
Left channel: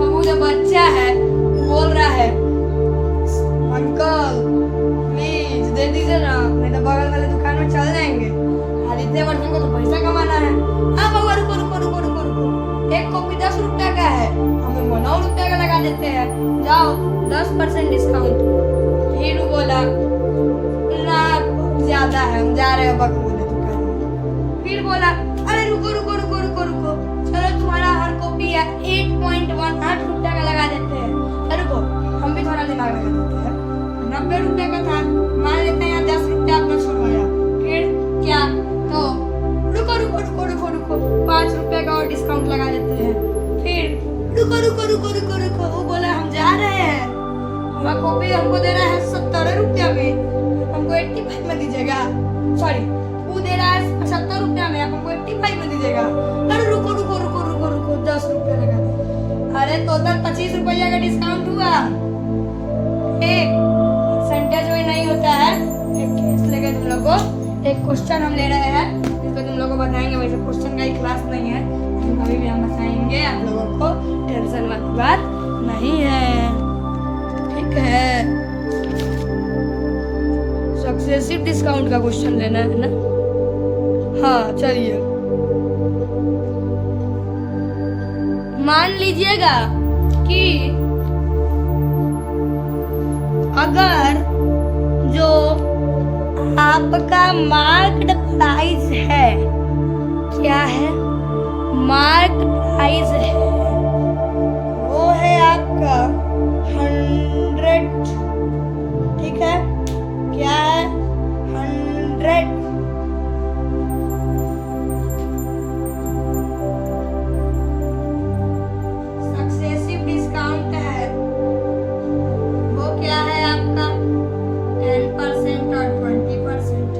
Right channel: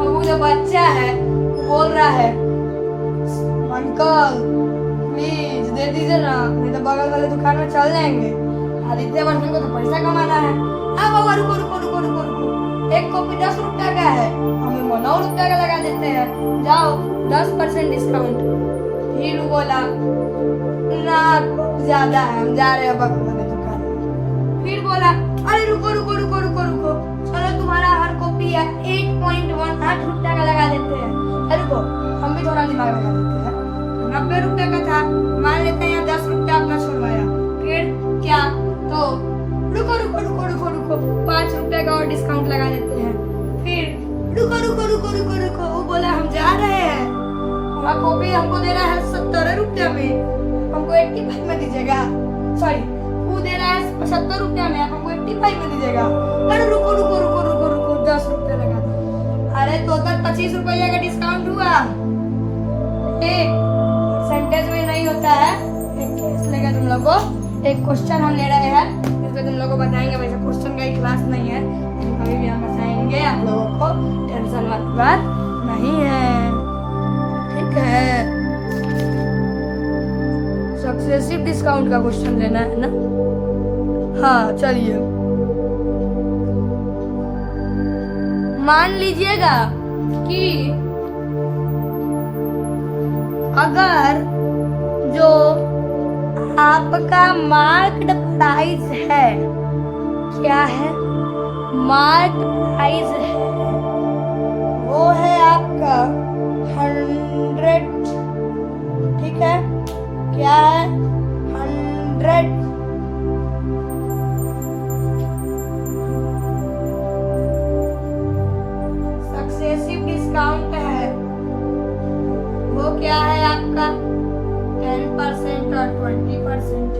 अब वो जो बच्चा है बोल रहा है अंकल प्लीज दे दीजिए ना, नहीं तो बगल वाले दुकान में चल जाएंगे। आदित्य वर्धन को तो पैसा कमाना है। हाँ बाबा रुको रुको रुको रुको रुको, एक कॉपी 10 रुपया का है, हम 9 रुपया का लगा देते हैं, जाओ 10% डिस्काउंट। फिर वो बोला ना ज्यादा है, हम जा रहे हैं बगल वाले दुकान में। फिर बोला अरे रुको रुको रुको रुको रुको, चलो तुम्हारा हर कॉपी है 8.18 रुपया का लगा देते हैं। रुको हम भी थोड़ा दिमाग लगा देते हैं, 90 रुपये का था, मान लेते हैं 10 रुपया आपने छुड़वाया, फिर क्या, तो रुको रुको रुको रुको रुको 5 रुपये का और डिस्काउंट लगा देते हैं। फिर रुको रुको रुको रुको रुको, वो बोला हम जा रहे हैं, हमारा कॉपी हमको दे रहा है 70 रुपया में, हमको 85 में दीजिएगा, सॉरी वो दे रहा है 75 रुपया में, आप हमको 85 में दीजिएगा। अरे रुको रुको रुको रुको रुको 10 रुपया लगा दो। अरे टोटल 25 रुपया का डिस्काउंट हुआ, एक परसेंटेज में नहीं होता है। इसलिए तुम लोग को एक क्वेश्चन हम ले रहे हैं, जिसको तुम लोग को बताएंगे। वैसे क्वेश्चन का ही क्लास नहीं है, कभी भी हम बताएंगे आप लोगों को, टेंशन मत बात नहीं है, ठीक है। सक्सेसिव डिस्काउंट का क्वेश्चन लेना है ना, हाँ चलिए। मान लीजिएगा कि अगर जो आपका मार्क्ड प्राइस है, क्या है, मार्क्ड प्राइस है, वो है आपका 100, ठीक है, क्या है 100। सक्सेसिव डिस्काउंट है, वो क्या है आपका 10% और 20%।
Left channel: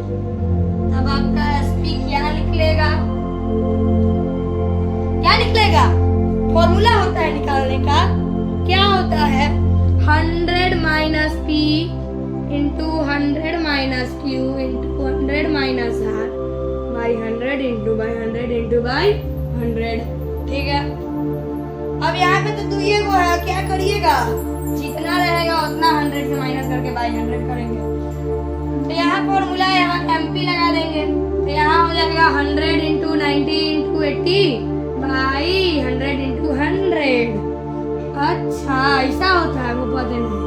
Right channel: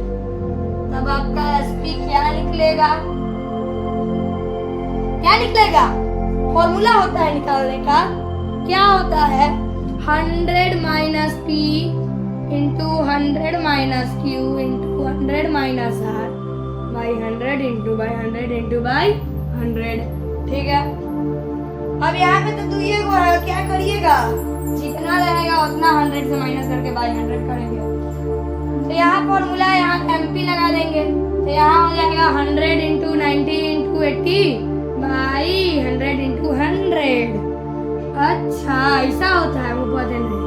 तब आपका SP क्या निकलेगा, क्या निकलेगा, फॉर्मूला होता है निकालने का, क्या होता है 100 minus P into 100 minus Q into 100 minus R by 100 into by 100 into by 100। ठीक है, अब यहाँ पे तो दुइये को है, क्या करिएगा, जितना रहेगा उतना 100 से माइनस करके बाई 100 करेंगे। तो यहाँ फॉर्मूला, यहाँ एमपी लगा देंगे, तो यहाँ हो जाएगा 100 इंटू 90 इंटू 80 बाई 100 इंटू 100। अच्छा ऐसा होता है, वो पता नहीं।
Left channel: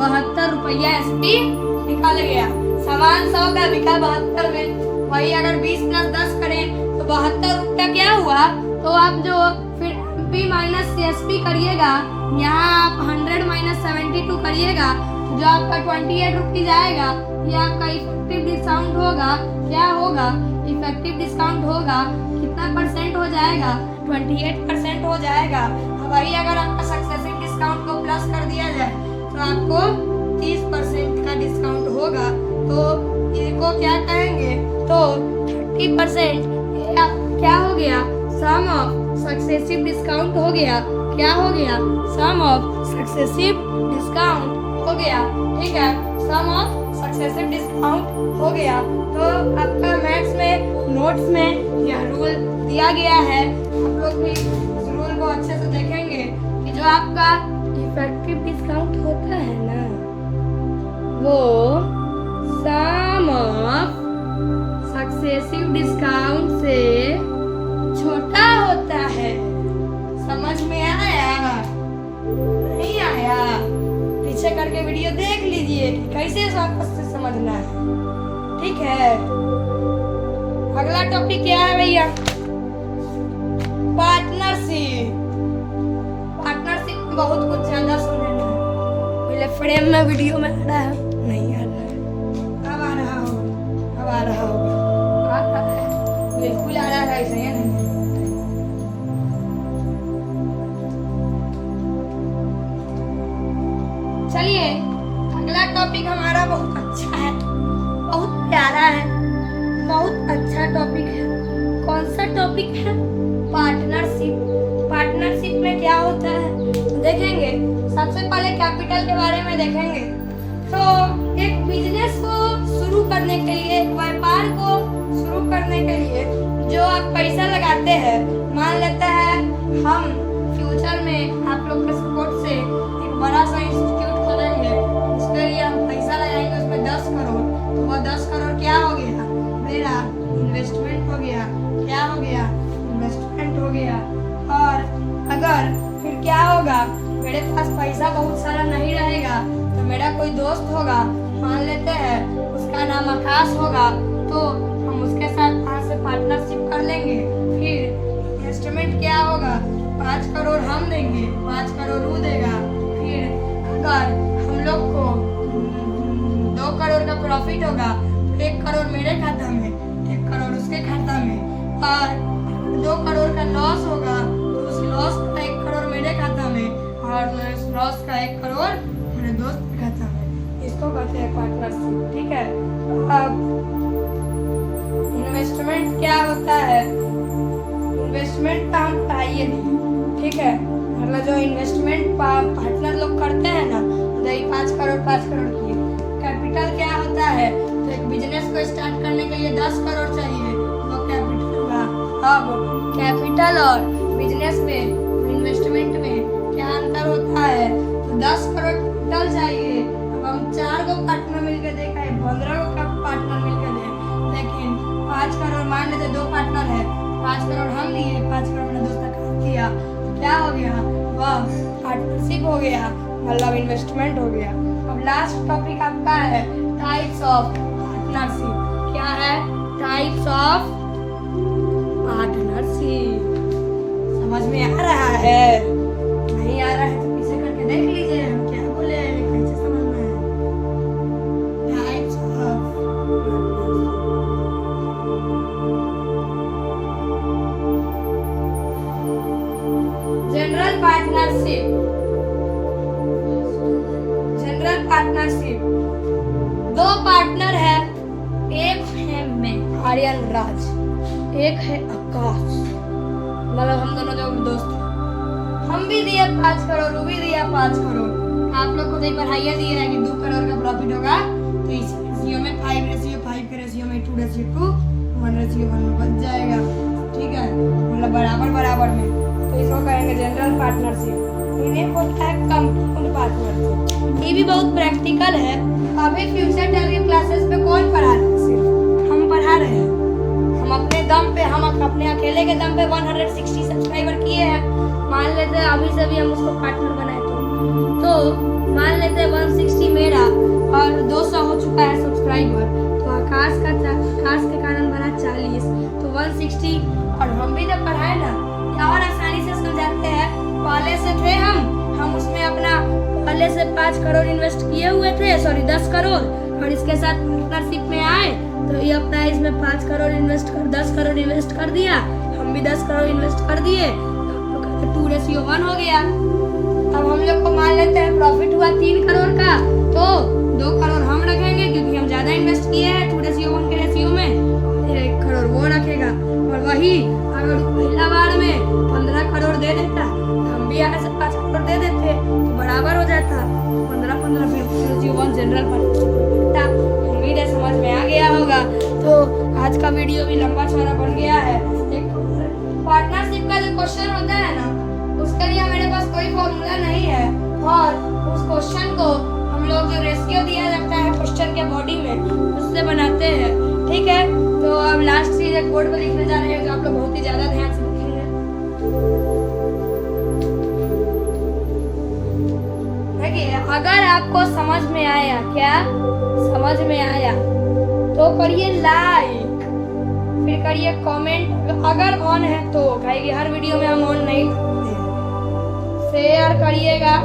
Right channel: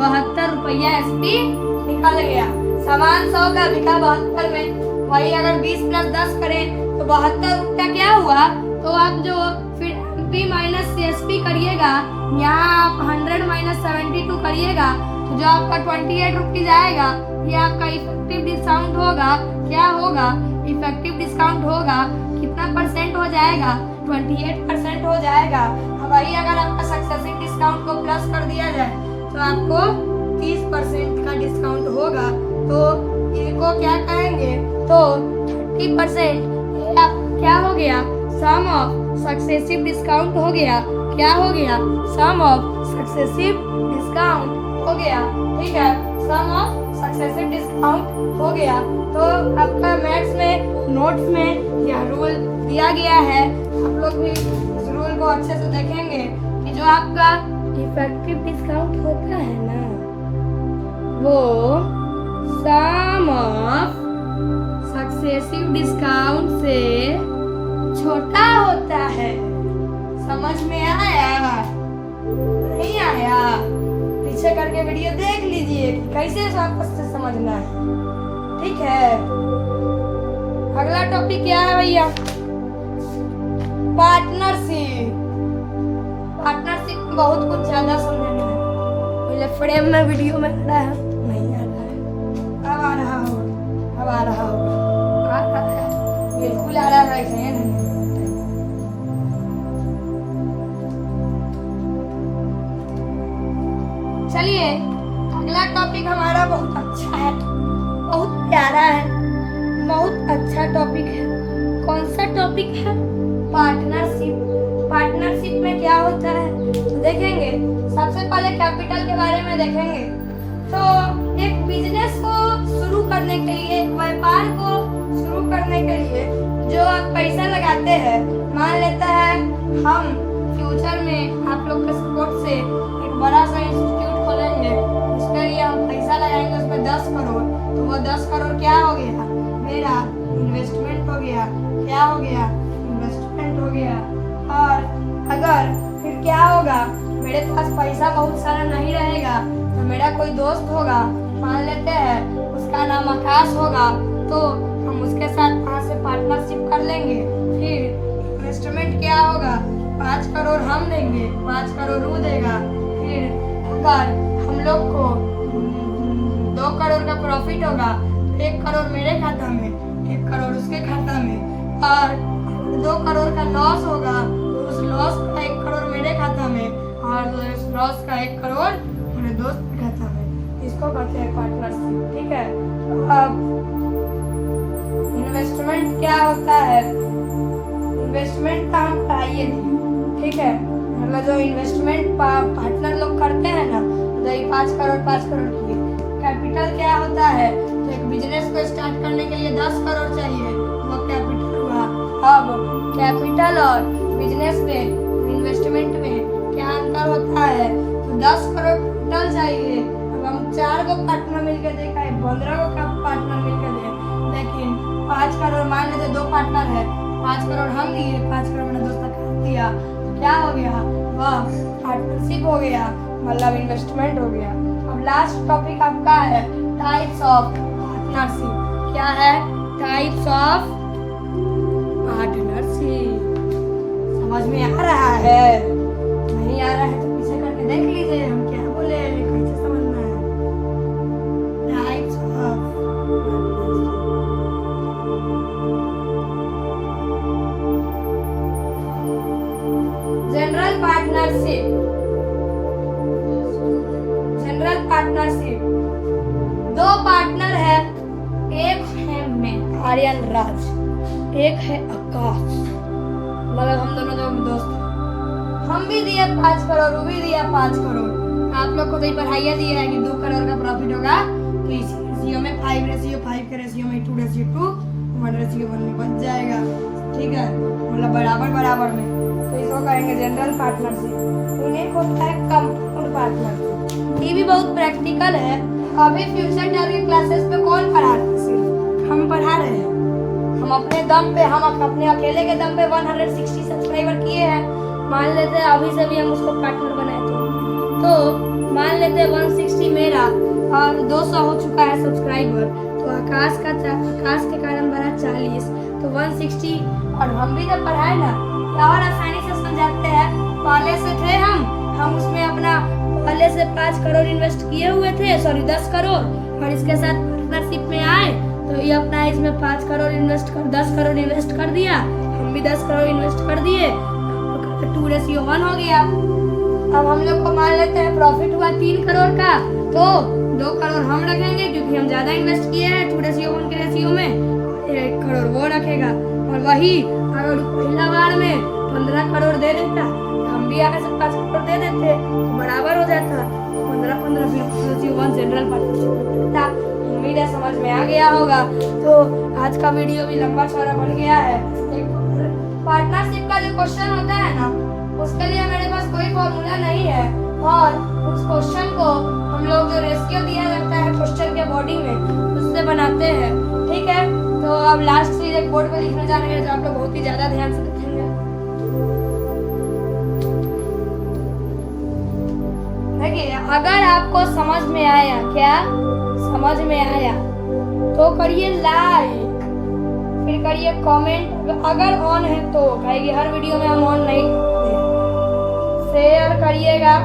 72 रुपया एसपी निकल गया। सामान 100 का बिका 72 में, वही अगर 20 प्लस 10 करें तो 72 रुपया क्या हुआ। तो आप जो फिर एमपी माइनस एसपी करिएगा, यहाँ आप 100 माइनस 72 करिएगा, जो आपका 28 रुपीज आएगा, ये आपका इफेक्टिव डिस्काउंट होगा। क्या होगा, इफेक्टिव डिस्काउंट होगा, कितना परसेंट हो जाएगा, 28% हो जाएगा। तो वही अगर आपका सक्सेसिव डिस्काउंट को प्लस कर दिया जाए तो आपको 30% का डिस्काउंट होगा। तो इसको क्या कहेंगे, तो 30% क्या हो गया, सम ऑफ सक्सेसिव डिस्काउंट हो गया। क्या हो गया, सम ऑफ सक्सेसिव डिस्काउंट हो गया। ठीक है, सम ऑफ सक्सेसिव डिस्काउंट हो गया। तो आपका मैथ्स में नोट्स में यह रूल दिया गया है, आप लोग भी इस रूल को अच्छे से देखेंगे कि जो आपका इफेक्टिव डिस्काउंट होता है ना, वो सम ऑफ सक्सेसिव डिस्काउंट से छोटा होता है। समझ में आया, नहीं आया, पीछे करके वीडियो देख लीजिए कैसे से समझना है। ठीक है, अगला टॉपिक क्या है भैया, पार्टनरशिप। पार्टनरशिप बहुत कुछ ज्यादा सुनना है, पहले फ्रेम में वीडियो में आ रहा है, नहीं आ रहा है, अब आ रहा हो, अब आ रहा हो, आ रहा है, बिल्कुल आ रहा है, ऐसे ही नहीं। चलिए अगला टॉपिक हमारा बहुत अच्छा है, बहुत प्यारा है, बहुत अच्छा टॉपिक है। कौन सा टॉपिक है, पार्टनरशिप। पार्टनरशिप में क्या होता है देखेंगे। सबसे पहले कैपिटल के बारे में देखेंगे। तो एक बिजनेस को शुरू करने के लिए, व्यापार को शुरू करने के लिए जो आप पैसा लगाते हैं, मान लेते हैं हम फ्यूचर में आप लोग के सपोर्ट से एक बड़ा सा इंस्टीट्यूट खोलेंगे, उसके लिए हम पैसा लगाएंगे, उसमें 10 करोड़। तो वो 10 करोड़ क्या हो गया, मेरा इन्वेस्टमेंट हो गया। क्या हो गया, इन्वेस्टमेंट हो गया। और अगर फिर क्या होगा, मेरे पास पैसा बहुत सारा नहीं रहेगा, तो मेरा कोई दोस्त होगा, मान लेते हैं उसका नाम आकाश होगा, तो हम उसके साथ वहाँ से पार्टनरशिप कर लेंगे। फिर इन्वेस्टमेंट क्या होगा, 5 करोड़ हम देंगे, 5 करोड़ वो देगा। फिर अगर हम लोग को 2 करोड़ का प्रॉफिट होगा, 1 करोड़ मेरे खाता में, 1 करोड़ उसके खाता में। और 2 करोड़ का लॉस होगा, तो उस लॉस का 1 करोड़ मेरे खाता में, और उस लॉस का 1 करोड़ मेरे दोस्त के खाता में। इसको कहते हैं पार्टनरशिप। ठीक है, अब इन्वेस्टमेंट क्या होता है, इन्वेस्टमेंट का हम पढ़ाइए नहीं। ठीक है, मतलब जो इन्वेस्टमेंट पार्टनर लोग करते हैं ना, जैसे 5 करोड़ 5 करोड़ की। कैपिटल क्या होता है, तो एक बिजनेस को स्टार्ट करने के लिए 10 करोड़ चाहिए, वो कैपिटल हुआ। अब कैपिटल और बिजनेस में, इन्वेस्टमेंट में क्या अंतर होता है, तो 10 करोड़ टोटल चाहिए। अब हम 4 को पार्टनर मिलकर देखा है, 15 को पार्टनर मिलकर दे, लेकिन 5 करोड़ मान लीजिए 2 पार्टनर है, 5 करोड़ हम लिए, 5 करोड़ मेरा दोस्त का दिया, तो क्या हो गया, वह पार्टनरशिप हो गया, मतलब इन्वेस्टमेंट हो गया। अब लास्ट टॉपिक आपका है टाइप्स ऑफ पार्टनरशिप। क्या है, टाइप्स ऑफ पार्टनरशिप। समझ में आ रहा है, नहीं आ रहा है तो पीछे करके देख लीजिए हम क्या बोले, कैसे समझना है। Types of general partnership. General partnership, 2 partner है, एक है मैं आर्यन राज, एक है आकाश, मतलब हम दोनों लोग दोस्त हैं। हम भी दिया 5 करोड़, वो भी दिया 5 करोड़। आप लोग को तो पढ़ाइया दिया है कि 2 करोड़ का प्रॉफिट होगा, तो इस रेशियो में 5 रेशियो 5 के रेशियो में 2 रेशियो 2 1 रेशियो रेशियो 1 में बच जाएगा, ठीक है, मतलब बराबर बराबर में, तो इसको कहेंगे जनरल पार्टनरशिप। इन्हें होता है कंपाउंड पार्टनरशिप। ये भी बहुत प्रैक्टिकल है। अभी फ्यूचर टारगेट क्लासेस पे कौन पढ़ा रहा है? सिर्फ हम पढ़ा रहे हैं। हम अपने दम पे, हम अपने अकेले के दम पे 160 सब्सक्राइबर किए हैं। मान लेते हैं अभी से भी हम उसको पार्टनर बनाए तो मान लेते हैं 160 मेरा और 200 हो चुका है सब्सक्राइबर, तो आकाश के कारण बना 40, तो 160। और हम भी जब पढ़ाए ना और आसानी से समझाते हैं। पहले से थे हम उसमें अपना पहले से 5 करोड़ इन्वेस्ट किए हुए थे, सॉरी 10 करोड़, और इसके साथ पार्टनरशिप में आए तो ये अपना इसमें 10 करोड़ इन्वेस्ट कर दिया, हम भी 10 करोड़ इन्वेस्ट कर दिए, 2:1 हो गया। अब हम लोग को मान लेते हैं प्रॉफिट हुआ 3 करोड़ का, तो 2 करोड़ हम रखेंगे क्योंकि हम ज्यादा इन्वेस्ट किए हैं 2:1 के रेशियो में, 1 करोड़ वो रखेगा। और वही अगर पहला बार में 15 करोड़ दे देता, हम भी आगे से 5 करोड़ दे देते तो बराबर हो जाता, 15 जनरल पार्टनरशिप। उम्मीद है समझ में आ गया होगा। तो आज का वीडियो भी लंबा चौड़ा बन गया है। एक पार्टनरशिप का जो क्वेश्चन होता है ना, उसके लिए मेरे पास कोई फॉर्मूला नहीं है, और उस क्वेश्चन को हम लोग जो रेशियो दिया जाता है क्वेश्चन के बॉडी में उससे बनाते हैं, ठीक है। तो अब लास्ट चीज एक बोर्ड पे लिखने जा रहे हैं, जो आप लोग बहुत ही ज्यादा ध्यान से लिखेंगे। देखिए, अगर आपको समझ में आया, क्या समझ में आया, तो करिए लाइक, फिर करिए कमेंट, अगर ऑन है तो, कहेगी हर वीडियो में हम ऑन नहीं, शेयर करिएगा,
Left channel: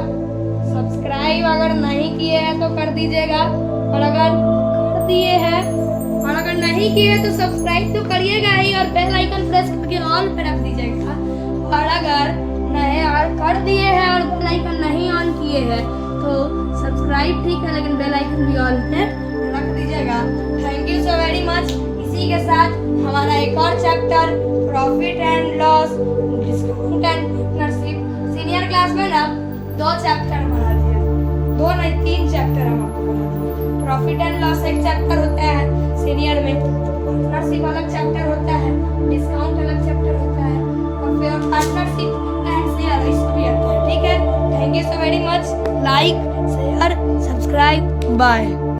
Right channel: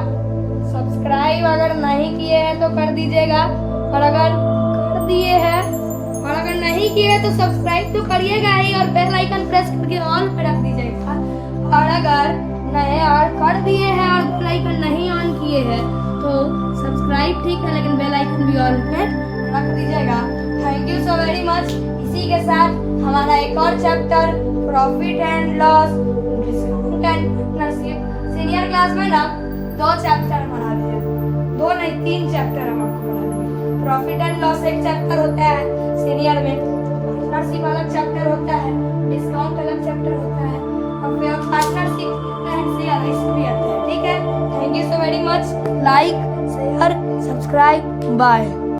सब्सक्राइब अगर नहीं किए हैं तो कर दीजिएगा, और अगर कर दिए हैं और अगर नहीं किए तो सब्सक्राइब तो करिएगा ही, और बेल आइकन प्रेस करके ऑन पे रख दीजिएगा। और अगर नहीं और कर दिए हैं और बेल आइकन नहीं ऑन किए हैं तो सब्सक्राइब ठीक है, लेकिन बेल आइकन भी ऑन पे रख दीजिएगा। Thank you so very much. इसी के साथ हमारा एक और chapter profit and loss, discount and partnership, senior class में ना 2 चैप्टर पढ़ाते हैं, 2 नहीं 3 चैप्टर हम आपको पढ़ाते हैं। प्रॉफिट एंड लॉस एक चैप्टर होता है सीनियर में, पार्टनरशिप अलग चैप्टर होता है, डिस्काउंट अलग चैप्टर होता है, और फिर पार्टनरशिप एंड शेयर इसमें आता है, ठीक है। Thank you so very much. Like, share, subscribe, bye.